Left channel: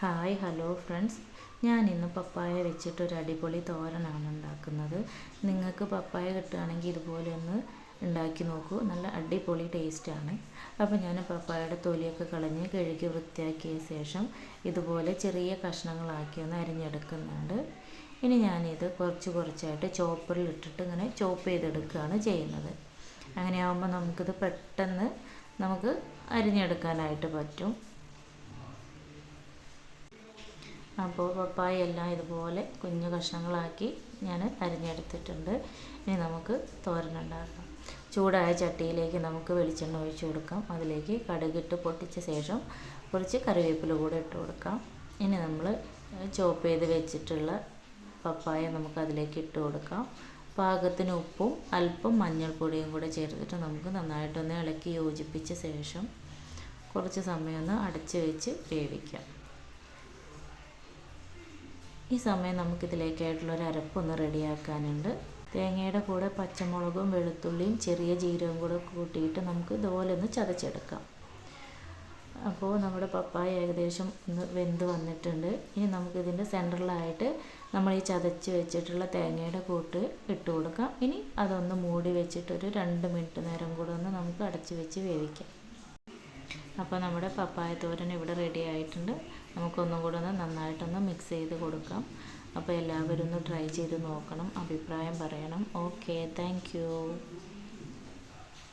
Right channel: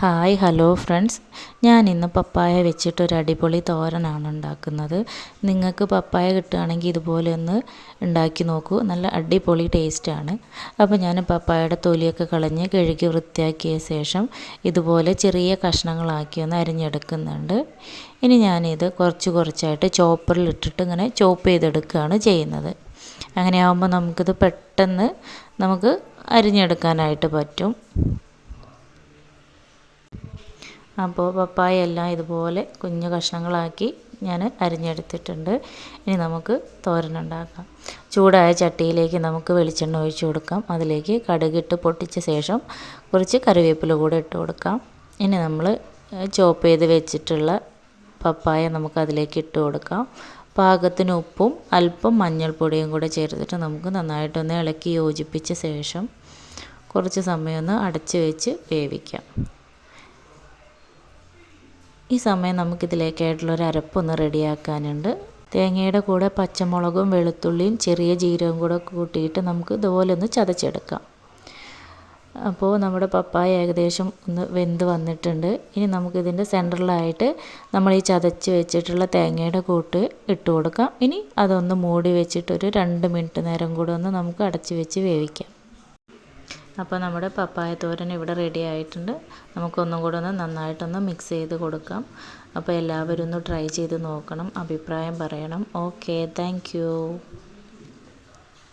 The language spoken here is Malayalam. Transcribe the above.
ഹായ് ഹലോ ഫ്രണ്ട്സ്, ഞാനിന്ന് പപ്പായ വെച്ചിട്ടൊരു അടിപൊളി തോരനാണ് ഉണ്ടാക്കുന്നത്. നിങ്ങൾക്ക് പപ്പായ കിട്ടുകയാണെങ്കിൽ ഇതുപോലെ ഒന്ന് ഉണ്ടാക്കി നോക്കൂ. നല്ല അടിപൊളി ടേസ്റ്റാണ്. അപ്പോൾ ഞാൻ പപ്പായയുടെ തൊലിയൊക്കെ കളഞ്ഞ് കഴുകി വൃത്തിയാക്കിയ ശേഷം ഇതുപോലെ ചെറിയ കഷ്ണങ്ങളാക്കി ഒന്ന് അരിഞ്ഞെടുക്കുന്നുണ്ട്. ഇനി ഞാനിത് കുറച്ചായിട്ട് ചോപ്പറിലിട്ടിട്ട് ഇങ്ങനെ ചോപ്പ് ചെയ്തെടുക്കുകയാണ് ചെയ്യുന്നത്. അങ്ങനെയാകുമ്പോൾ നമുക്കിത് പെട്ടെന്ന് അരിഞ്ഞെടുക്കാനായിട്ട് പറ്റും. അപ്പോൾ പപ്പായ എല്ലാം ഇതുപോലെ കുഞ്ഞു കഷ്ണങ്ങളാക്കി ഞാൻ അരിഞ്ഞെടുത്തിട്ടുണ്ട്. ഇനി നമുക്ക് തോരനുണ്ടാക്കാം. ചൂടായ ചട്ടിയിലേക്ക് നമുക്ക് വെളിച്ചെണ്ണ ഒഴിച്ച് കൊടുക്കാം. അതിലേക്ക് കടുകിട്ട് പൊട്ടിച്ച ശേഷം കുറച്ച് കറിവേപ്പില കൂടെ ഇട്ട് കൊടുക്കാം. ഇനി നമ്മൾ ചോപ്പ് ചെയ്ത് വെച്ചിട്ടുള്ള പപ്പായ നമുക്കതിലേക്ക് ഇട്ട് കൊടുക്കാം. പാകത്തിന് ഉപ്പും അല്പം മഞ്ഞൾപ്പൊടിയും കൂടെ ചേർത്തിട്ട് നമുക്ക് നന്നായിട്ടൊന്ന് ഇളക്കി യോജിപ്പിച്ച ശേഷം കുറച്ച് സമയം ഒന്ന് അടച്ച് വെച്ച് വേവിക്കാം. ഈ സമയം നമുക്കിതിലേക്കായിട്ടുള്ളൊരു അരപ്പൊന്ന് റെഡിയാക്കാനുണ്ട്. തേങ്ങയുടെ കൂടെ പച്ചമുളകും വെളുത്തുള്ളിയും ചെറിയ ജീരകവും കൂടെ കൂട്ടിയിട്ട് നമുക്ക് ഇതുപോലെ ഒന്ന് ചതച്ചെടുക്കാം. അപ്പോൾ നമ്മുടെ പപ്പായ ഏകദേശം ഒന്ന് വെന്ത് വന്നിട്ടുണ്ട്. ഇനി നമുക്കിതിൻ്റെ സെൻറ്ററിലായിട്ട് നമ്മൾ ഈ ചതച്ച് വെച്ചിട്ടുള്ള തേങ്ങയുടെ കൂട്ട് ഇട്ട് കൊടുക്കാം. ഇനി അതൊന്ന് മൂടി വെച്ചിട്ടൊരു 2 മിനിറ്റ് നേരം കൂടെ ഒന്ന് നമുക്ക് അടച്ച് വെച്ച് വേവിക്കാം. അപ്പോൾ നമ്മുടെ പപ്പായ തോരൻ ഇവിടെ റെഡി ആയിട്ടുണ്ട്. നമുക്കൊന്നും കൂടെ ഒന്ന് നന്നായിട്ടൊന്ന് മിക്സ് ചെയ്ത് കൊടുക്കാം. അപ്പോൾ എല്ലാവരും ഒന്ന് ട്രൈ ചെയ്ത് നോക്കണം, അഭിപ്രായം പറയണം. Okay, thank you.